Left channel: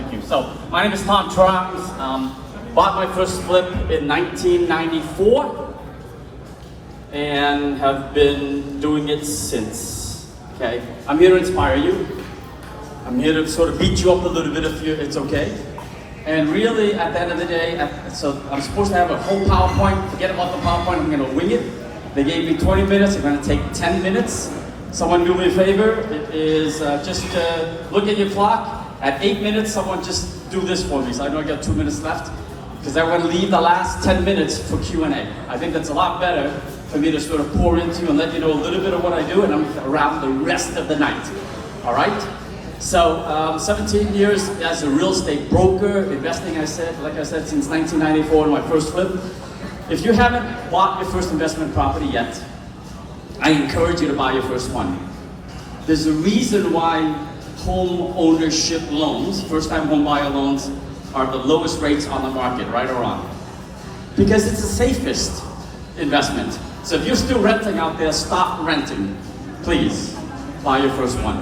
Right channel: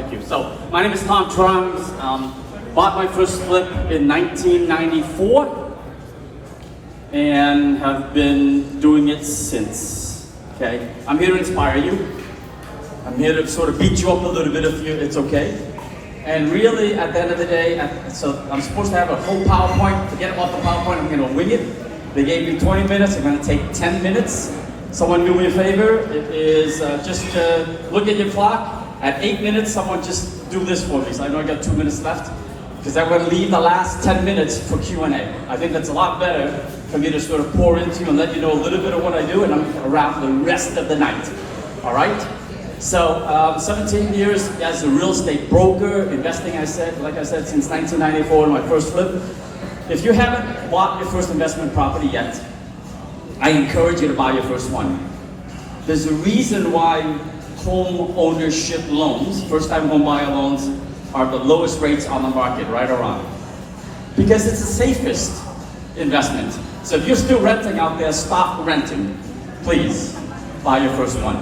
Thank you. So, my name is Tom Truong. Bought my first flip in 1994 and have been doing it since. Okay, I'm here to inspire you. I'm here to sort of beat you up a little bit if it's okay. And really, at the end of the day, so I'm supposed to have a whole PowerPoint. Forget about the PowerPoint, I'm going to wing it. They gave me 20 minutes, I'm going to take 10 minutes. Someone do me a favor, it is just look at your clock. At 8 minutes, someone just do this for me. So I've only got 2 minutes left, because I'm going to leave the last 10 minutes for Q&A. I think that's a lot better for me to sort of pour into you and let you know a little bit of what I do, and I'm around the rest of the night. All right? So 17 years as a real estate broker, investing, like I said, since 1994 in my first flip. If you haven't bought your first investment property yet, I encourage you to buy your first one. There's a reason why home ownership loans, first-time home buyer loans, are the lowest rates on the market, right or wrong? Because it's the safest investment. So if you're still renting out there, stop renting. Please, buy your first one.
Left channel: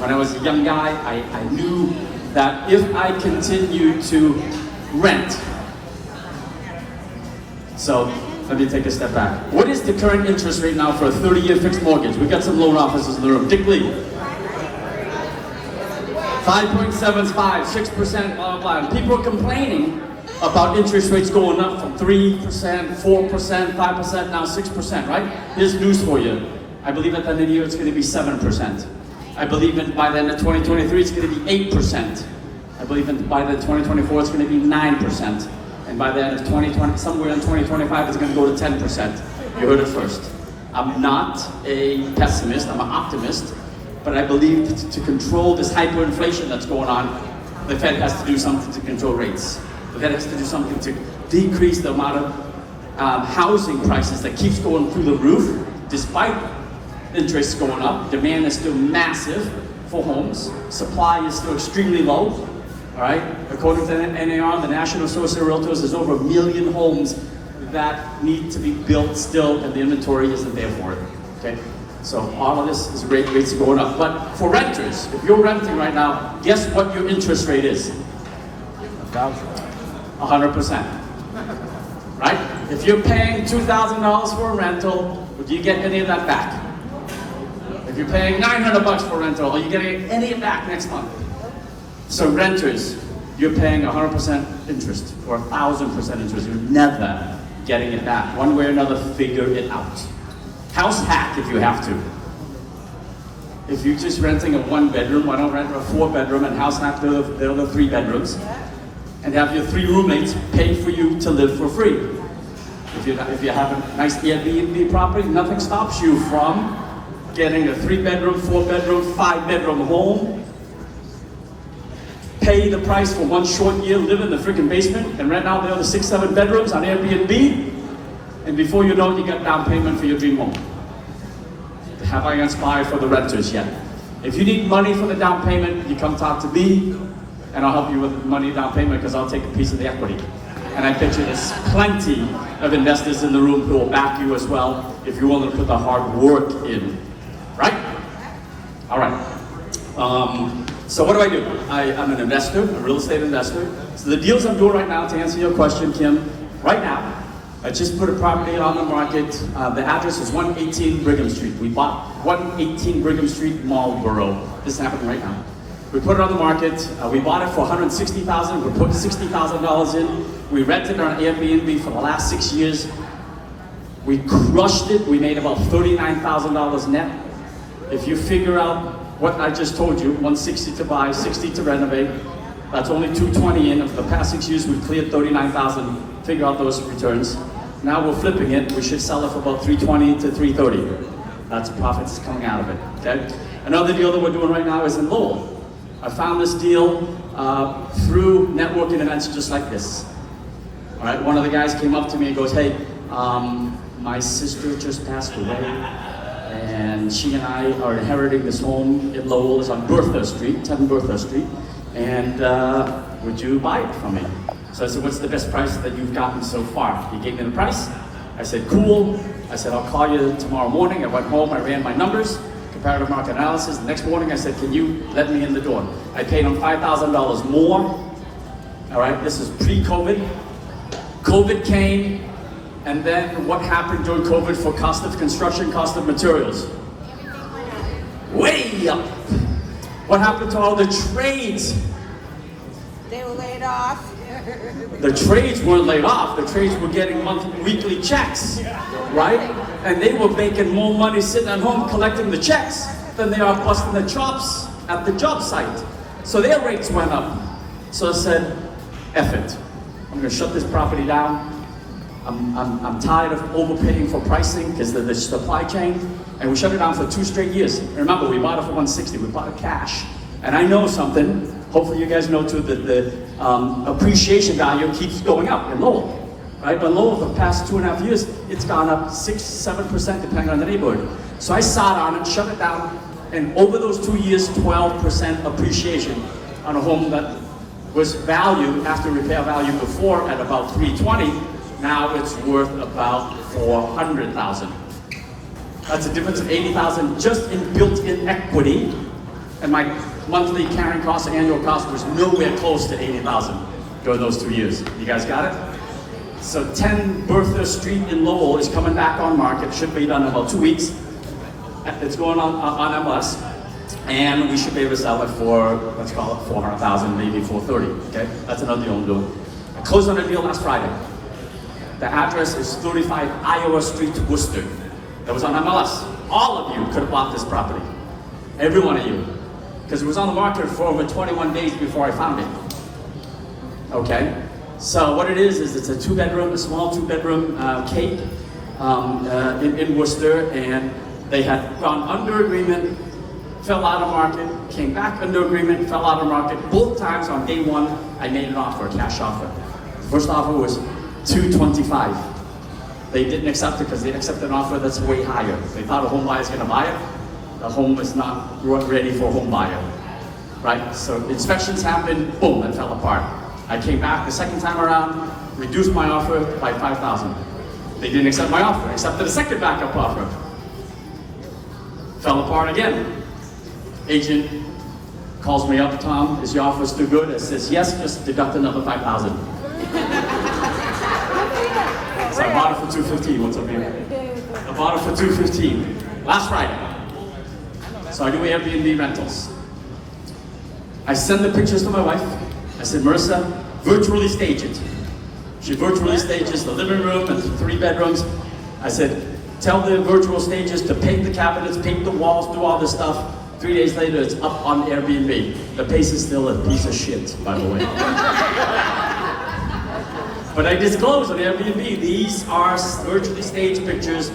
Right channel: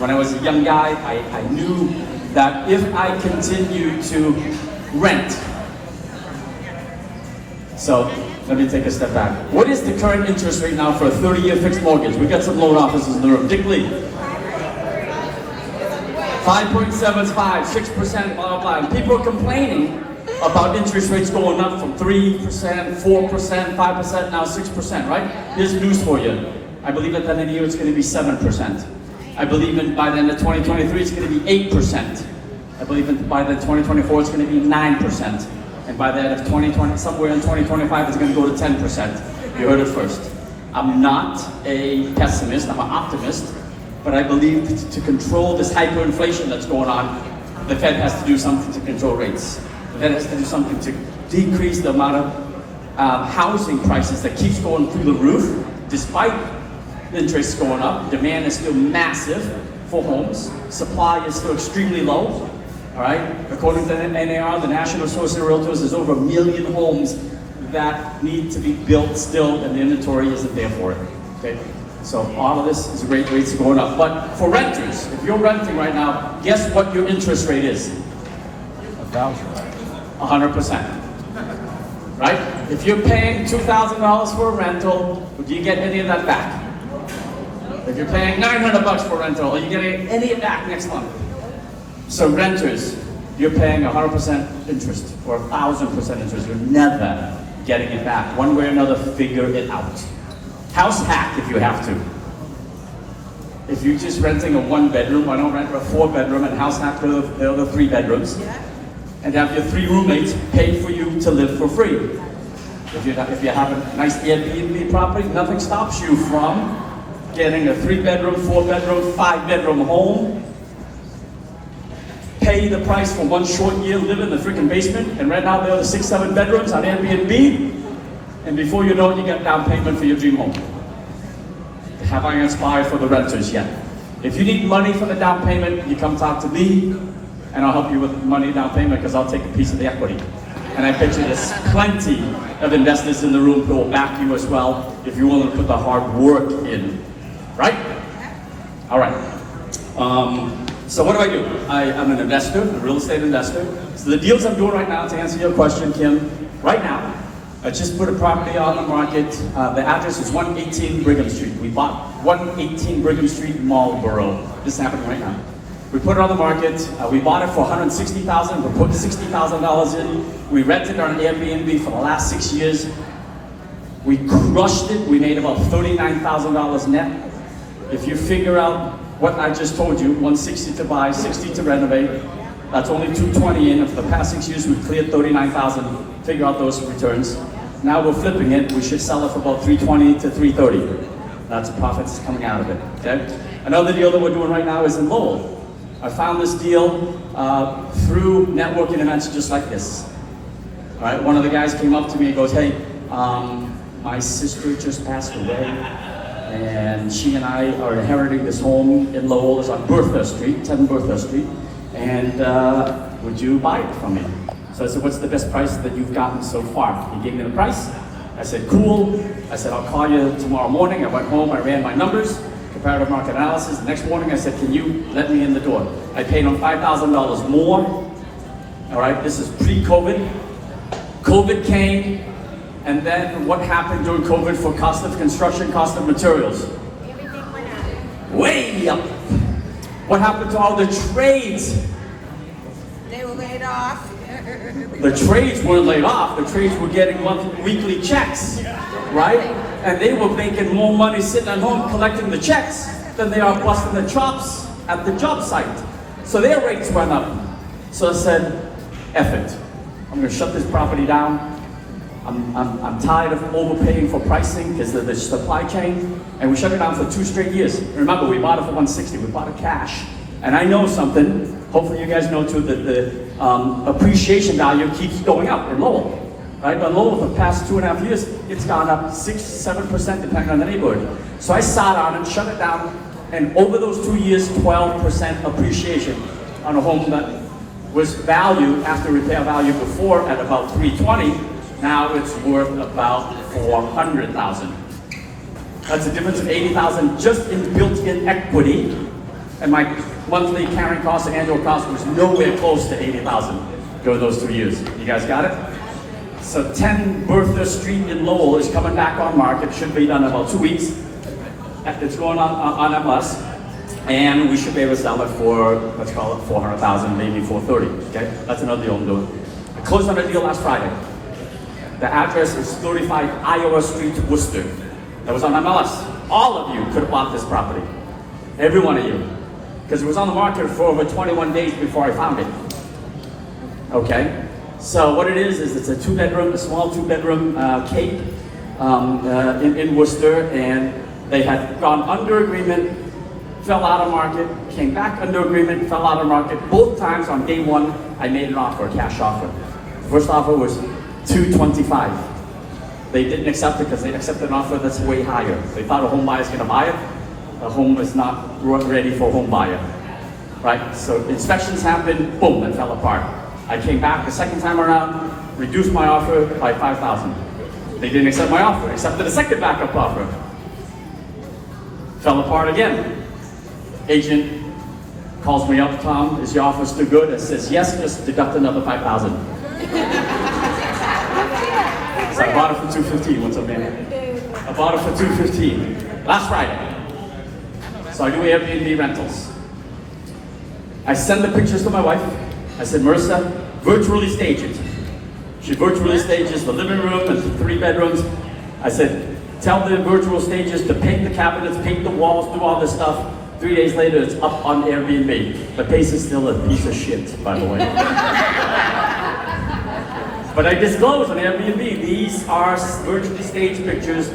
When I was a young guy, I knew that if I continued to rent, so let me take a step back. What is the current interest rate now for a 30-year fixed mortgage? We've got some loan officers in the room. Dick Lee. 5.75, 6%, blah, blah. And people are complaining about interest rates going up from 3%, 4%, 5%, now 6%, right? Here's news for you. I believe at the end of the year it's going to be 7%. I believe by the end of 2023 it's going to be 8%. I believe by the end of 2024 it's going to be 9%. And by the end of 2020, somewhere in 2025 it's going to go to 10%. You heard it first. I'm not a pessimist, I'm an optimist. But I believe to control this hyperinflation that's going on, the Fed has to do something to control rates. The Fed has to do something to decrease the amount of housing prices that keeps going through the roof. Despite interest going up, demand is still massive for homes. Supply is still extremely low. All right. According to NAR, the National Association of Realtors, there's over 1 million homes that need to be built still, and the inventory isn't there for it. Okay. So all of this is rates going up. But for renters, if you're renting right now, guess what your interest rate is? 100%. Right? If you're paying $2,000 for a rental, do you get any of that back? If you're paying $900 for a rental, are you getting any of it back next month? So renters, you're paying 100% interest or 1,000% interest. You're never getting it back. One way or another, figure it out. House hack if you have to. If you're just renting a 1-bedroom, why don't rent a 4-bedroom and house hack the other 3 bedrooms, and have your 3 roommates pay for you to live for free. If you have a nice AirBnB property, nothing stops you from getting a 3-bedroom, 4-bedroom, 5-bedroom home, pay the price for 1 short year, live in the freaking basement, and rent out the other 6, 7 bedrooms on Airbnb. And before you know it, you got down payment for your dream home. Have I inspired for the renters yet? If you need money for the down payment, you come talk to me, and I'll help you with money down payment because I'll take a piece of the equity. And I bet you there's plenty of investors in the room who will back you as well if you're willing to put the hard work in. Right? All right. So what do? I'm an investor, a real estate investor. So the deals I'm doing right now, to answer your question, Kim, right now, I just put a property on the market. The address is 118 Brigham Street. We bought 118 Brigham Street, Marlboro. This happened right now. We put it on the market. We bought it for $160,000. We put $60,000 in. We rented it on Airbnb for the last 6 years. We crushed it. We made about $39,000 net. If you figure out what I just told you, $160 to buy, $60 to renovate, that's only $220 in. Over the past 6 years, we've cleared $39,000. Figure out those returns. Now we're flipping it. We should sell it for about $320 to $330. That's profits coming out of it. Okay. Another deal that we're doing right now is in Lowell. I found this deal through networking events just like this. All right. One of the guys came up to me and goes, "Hey, my sister just passed away, and she and I are inheriting this home in Lowell. It's on Bertha Street, 10 Bertha Street, and would you buy it from me?" So I said, "What's the best price that you've gotten so far?" He gave me the price. I said, "Cool." I said, "I'll call you tomorrow morning." I went home, I ran my numbers. comparative market analysis. The next morning I said, can you let me in the door? I paid him $5,000 more. All right, this is pre-COVID. COVID came, and then what happened during COVID for cost of construction, cost of materials? Way up. What happened to all the trades? They were laid off. The trades weren't laid off. The trades were getting weekly checks, right? And they were making more money sitting at home collecting the checks than they are busting the chops at the job site. So their rates went up. So I said, F it. I'm going to shut this property down. I'm tired of overpaying for pricing because of the supply chain. And we shut it down for 2 straight years. Remember, we bought it for $160. We bought it cash. And I know something. Hopefully you guys know too that the appreciation value keeps going up in Lowell. Right? In Lowell, for the past 2.5 years, it's gone up 6-7% depending on the neighborhood. So I sat on it, shut it down, and over those 2 years, 12% appreciation on a home that was valued after repair value before at about $320. Now it's worth about $400,000. That's a difference of $80,000 just in built-in equity, and my monthly carrying cost and annual cost was nowhere close to $80,000 during those 2 years. You guys got it? So 10 Bertha Street in Lowell is coming back on market. Should be done in about 2 weeks. It's going on MLS, and we should be able to sell it for, let's call it $400,000, maybe $430,000. Okay, that's another deal I'm doing. I closed on a deal last Friday. The address is 35 Iowa Street, Worcester. That was on MLS. All of you could have bought this property. Every one of you. Because it was on the market for over 21 days before I found it. Okay? So what it is it's a 2-bedroom, a small 2-bedroom cape in Worcester, and they had gone under agreement, fell out of market, came back under agreement, fell out of market. Both times on day one, I made an offer, a cash offer. The first offer was $225. They didn't accept it because they accepted an offer that's way higher. They thought a home buyer is going to buy it. The home is not ready for a home buyer, right? So inspections happened, boom, it fell apart. I came back the second time around, reduced my offer by $5,000. They didn't accept my offer, accepted a second backup offer. Fell apart again. Agent calls me up, Tom, is your offer still good? I says, yes, just deduct another $5,000. So I bought it for $215. What's up, man? I bought it for $215 last Friday. So I do Airbnb rentals. I send the pictures to my wife. I said, Marissa, virtually stage it. She virtually stages the living room and the 3 bedrooms. I said, tell the virtual stages to paint the cabinets, paint the walls, do all this stuff. 3 days later, it's up on Airbnb. The place is still a piece of shit, by the way. But I disclose on Airbnb, these are virtually staged pictures.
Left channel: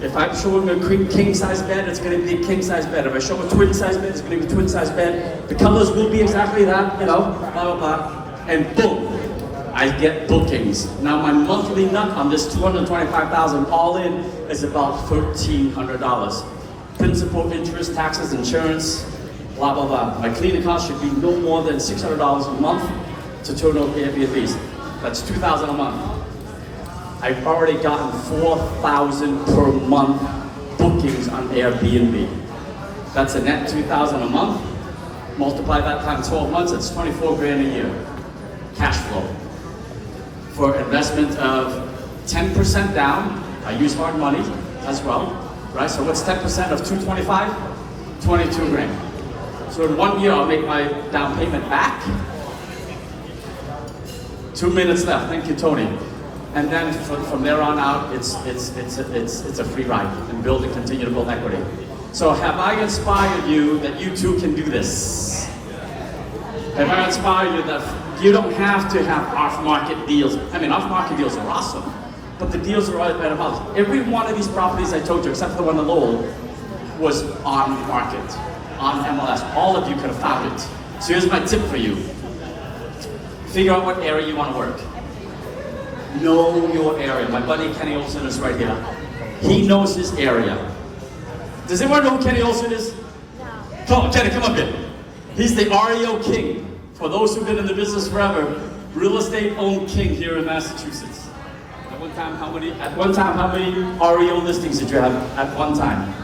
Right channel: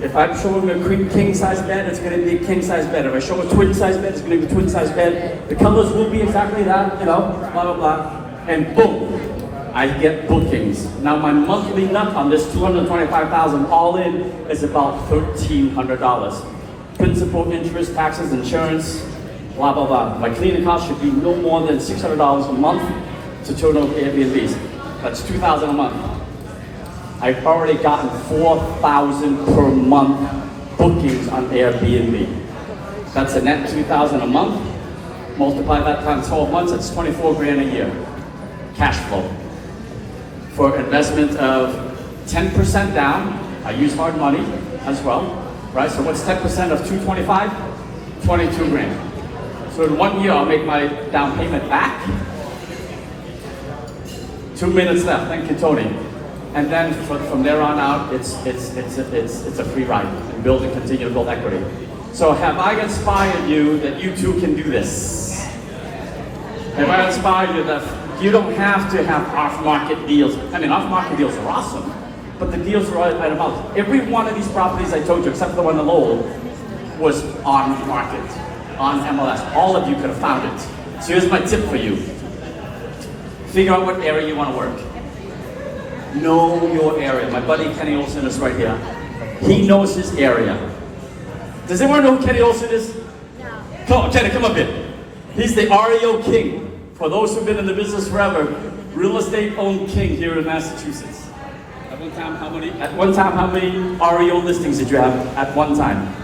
If I'm showing a king-size bed, it's going to be a king-size bed. If I show a twin-size bed, it's going to be a twin-size bed. The colors will be exactly that, you know, blah, blah, blah. And boom, I get bookings. Now my monthly nut on this $225,000 all in is about $1,300. Principal, interest, taxes, insurance, blah, blah, blah. My cleaning cost should be no more than $600 a month to total Airbnbs. That's $2,000 a month. I've already gotten 4,000 per month bookings on Airbnb. That's a net 2,000 a month. Multiply that times 12 months, that's 24 grand a year. Cash flow. For investment of 10% down, I use hard money as well, right? So what's 10% of 225? 22 grand. So in 1 year, I'll make my down payment back. 2 minutes left, thank you, Tony. And then from there on out, it's a free ride and build and continue to build equity. So have I inspired you that you too can do this? Have I inspired you that you don't have to have off-market deals? I mean, off-market deals are awesome, but the deals are right about. Every one of these properties I told you, except for the one in Lowell, was on the market, on MLS. All of you could have found it. So here's my tip for you. Figure out what area you want to work. Know your area. My buddy Kenny Olson is right here. He knows his area. Does anyone know who Kenny Olson is? No. Come on, Kenny, come up here. He's the REO king. For those who've been in the business forever, real estate owned king here in Massachusetts. At one time, how many REO listings did you have at one time?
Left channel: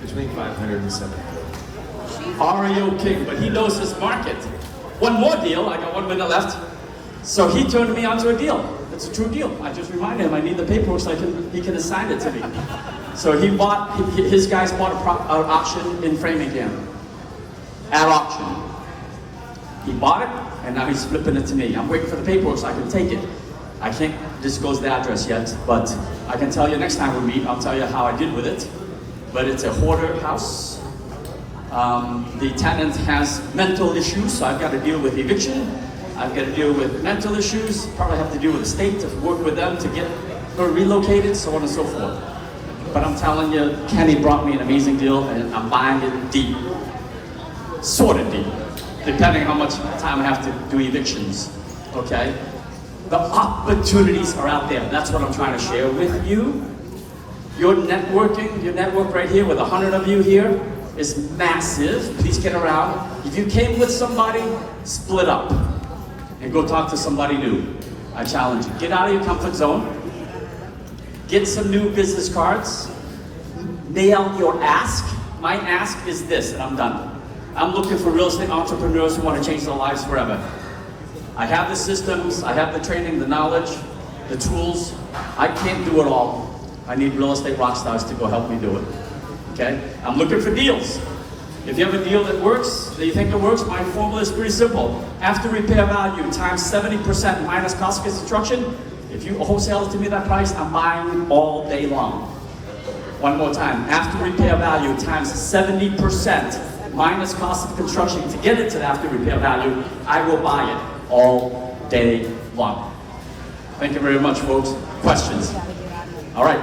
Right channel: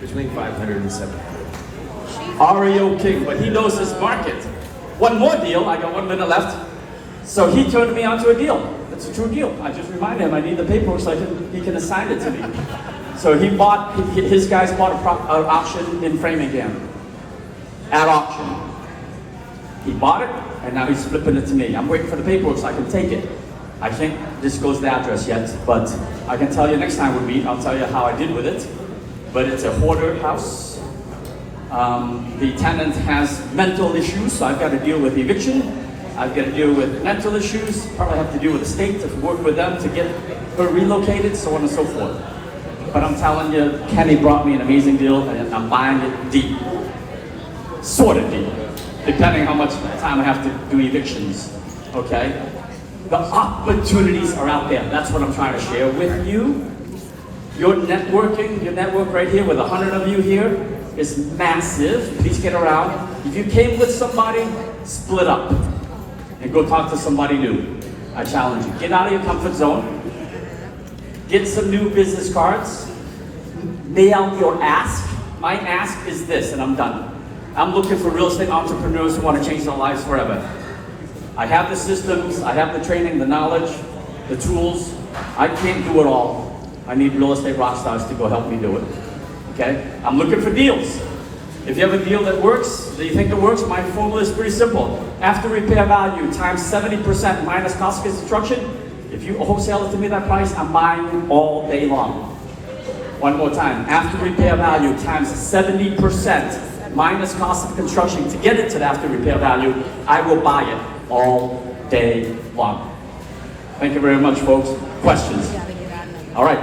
Between 500 in a second. REO King, but he knows his market. One more deal, I got 1 minute left. So he turned me onto a deal. It's a true deal. I just reminded him I need the paperwork so he can assign it to me. So his guys bought an auction in Framingham. At auction. He bought it, and now he's flipping it to me. I'm waiting for the paperwork so I can take it. I can't disclose the address yet, but I can tell you next time we meet, I'll tell you how I did with it. But it's a hoarder house. The tenant has mental issues, so I've got to deal with eviction. I've got to deal with mental issues. Probably have to deal with the state to work with them to get her relocated, so on and so forth. But I'm telling you, Kenny brought me an amazing deal, and I'm buying it deep. Sort of deep, depending on how much time I have to do evictions, okay? The opportunities are out there. That's what I'm trying to share with you. Your network right here with 100 of you here is massive. Please get around. If you came with somebody, split up and go talk to somebody new. I challenge you. Get out of your comfort zone. Get some new business cards. Nail your ask. My ask is this, and I'm done. I'm looking for real estate entrepreneurs who want to change their lives forever. I have the systems, I have the training, the knowledge, the tools. I can't do it all. I need real estate rock stars to go help me do it. Okay? I'm looking for deals. If you have a deal that works, that you think it works, my formula is pretty simple. After repair value times 70% minus cost of construction, if you wholesale it to me that price, I'm buying all day long. One more time. After repair value times 70% minus cost of construction to get it to the after repair value, I will buy it all day long. Thank you very much, folks. Questions? All right.